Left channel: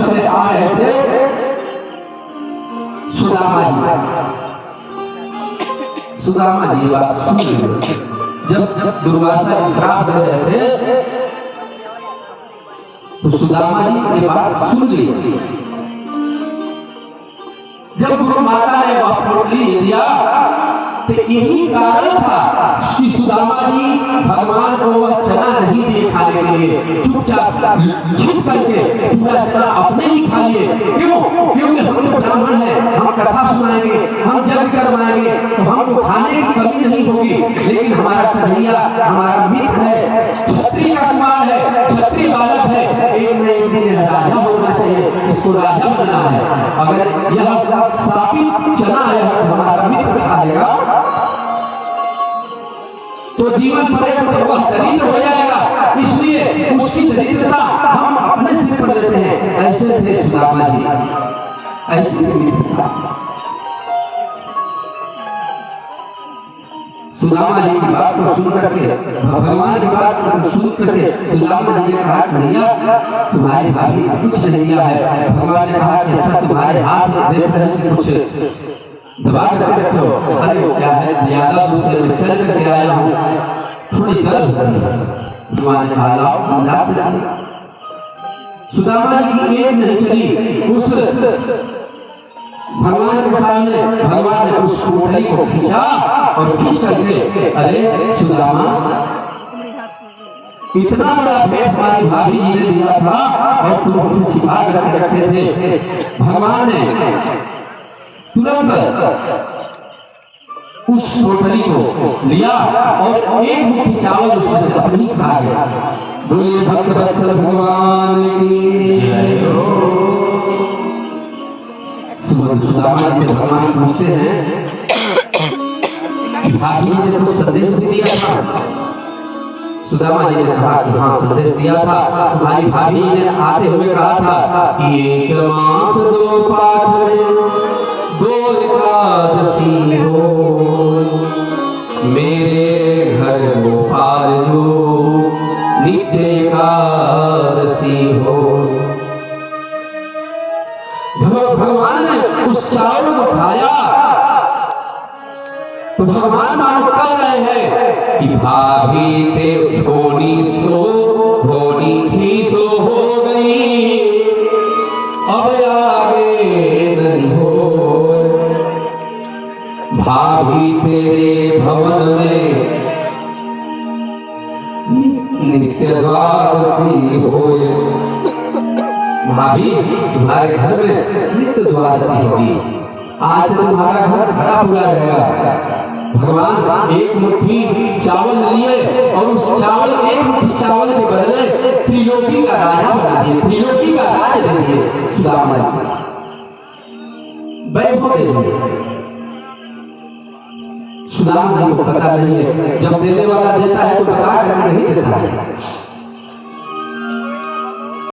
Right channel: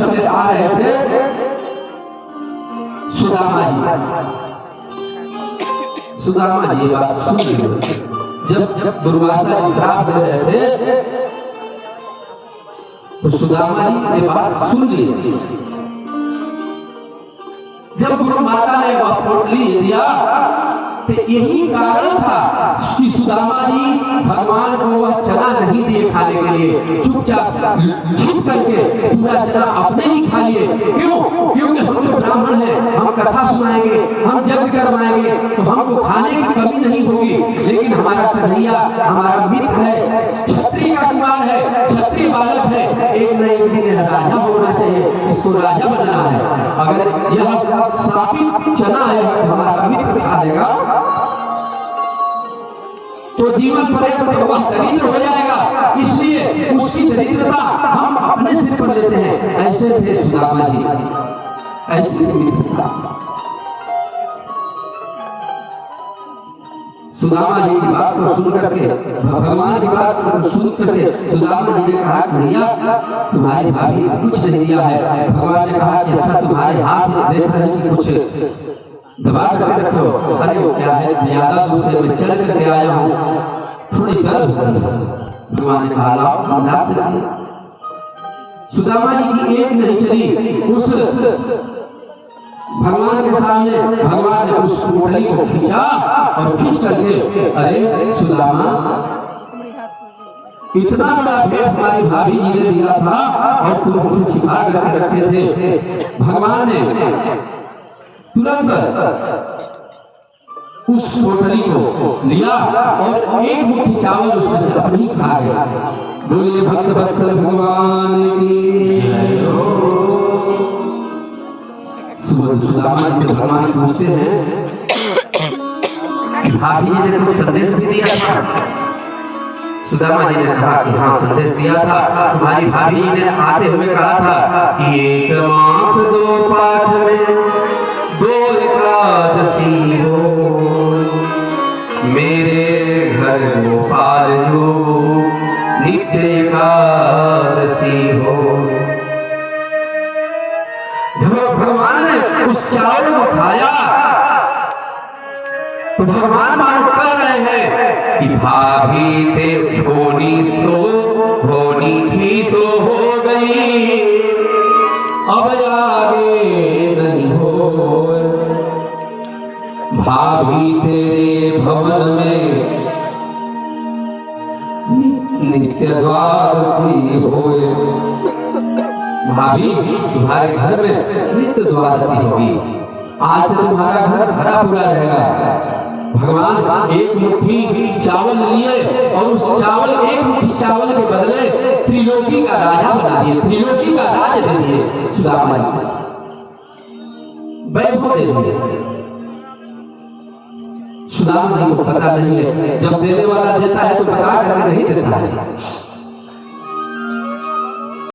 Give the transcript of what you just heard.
समय आ रहे थे सुदामा जी बात सुन रहे। जब दुर्वासा जी श्राप दे रहे थे तो सुदामा जी ने बात सुन ली। जब गुरु माता ने वह पोटली दिया तो यही कारण था कि सुदामा जी भगवान को वह चना नहीं दिए खाने के लिए, चुपचाप छिप करके पूरा चना अपने ही खा लिए। क्यों? क्योंकि हम लोग ब्राह्मण हैं, हम कथा सुनाएंगे, हम यज्ञ करवाएंगे तो हमको खाने की कमी नहीं होगी। लेकिन हमारा कन्हैया हमारा मित्र है, क्षत्रिय का कुमार है, क्षत्रिय बालक है, एक न एक दिन राजा होना चाहिए, इसको राजा बनना है। अगर यह स्थापित चना हमारा मित्र खा लेगा तो जीवन पर्यंत वह दरिद्र हो जाएगा। इसलिए उसकी दरिद्रता हम अपने सिर पर लेते हैं। ऐसे थे सुदामा जी, ऐसे सुदामा जी की बात को सुन करके, भगवान की बात को सुन करके सुदामा जी ने कहा भैया तुम्हारी भाभी कुछ नहीं दिया है। भगवान ने कहा कि अच्छा तुम्हारे हाथ देख रहे हैं कुछ दबा करके रखो। अरे क्या है, ज्यादा दूर से मैं चल करके आया हूँ, थोड़ी दर्द हो रही है। भगवान ने कहा सुदामा जी की एक नहीं चली। उस भगवान के सामने भगवान ने उस पोटली को खींचा और खींच करके, अरे सुदामा इतना बड़ा भेंट हमारी भाभी जी ने दिया था और तुम उसे छिपा करके रखते थे। भगवान ने तुरंत उस पोटली को लिया और एक मुट्ठी चावल उसमें से अपनी खा गया। बोलिए भक्त वत्सल भगवान की। सुदामा जी से भगवान पूछते हैं भाभी जी ने कुछ संदेश भी दिया था। सुदामा जी ने कहा कि हाँ संदेश दिया था। तुम्हारी भाभी ने आते हुए कहा था कि एक मास दो पाठ में दो एकादशी हो, मेरे घर गोपाल जो नित्य एकादशी हो। भगवान ने उस चावल को खाया तो भगवान मानो कह रहे हैं कि भाभी ते धोनी थी तो हो गई, अब आगे नहीं हो। भाभी तेरे भवन में नित्य द्वादशी होए। भाभी तुम्हारे घर में नित्य द्वादशी होगी। आज से तुम्हारा घर भरा पूरा रहेगा। भगवान एक मुट्ठी चावल लिए और उस चावल एक मुट्ठी चावल के बदले त्रिलोकी का राजा बना दिए, त्रिलोकी का राज दे दिए सुदामा जी, वैभव दे दिए। सुदामा जी को पता नहीं है, जब देने वाला देता है तो बता करके नहीं देता है।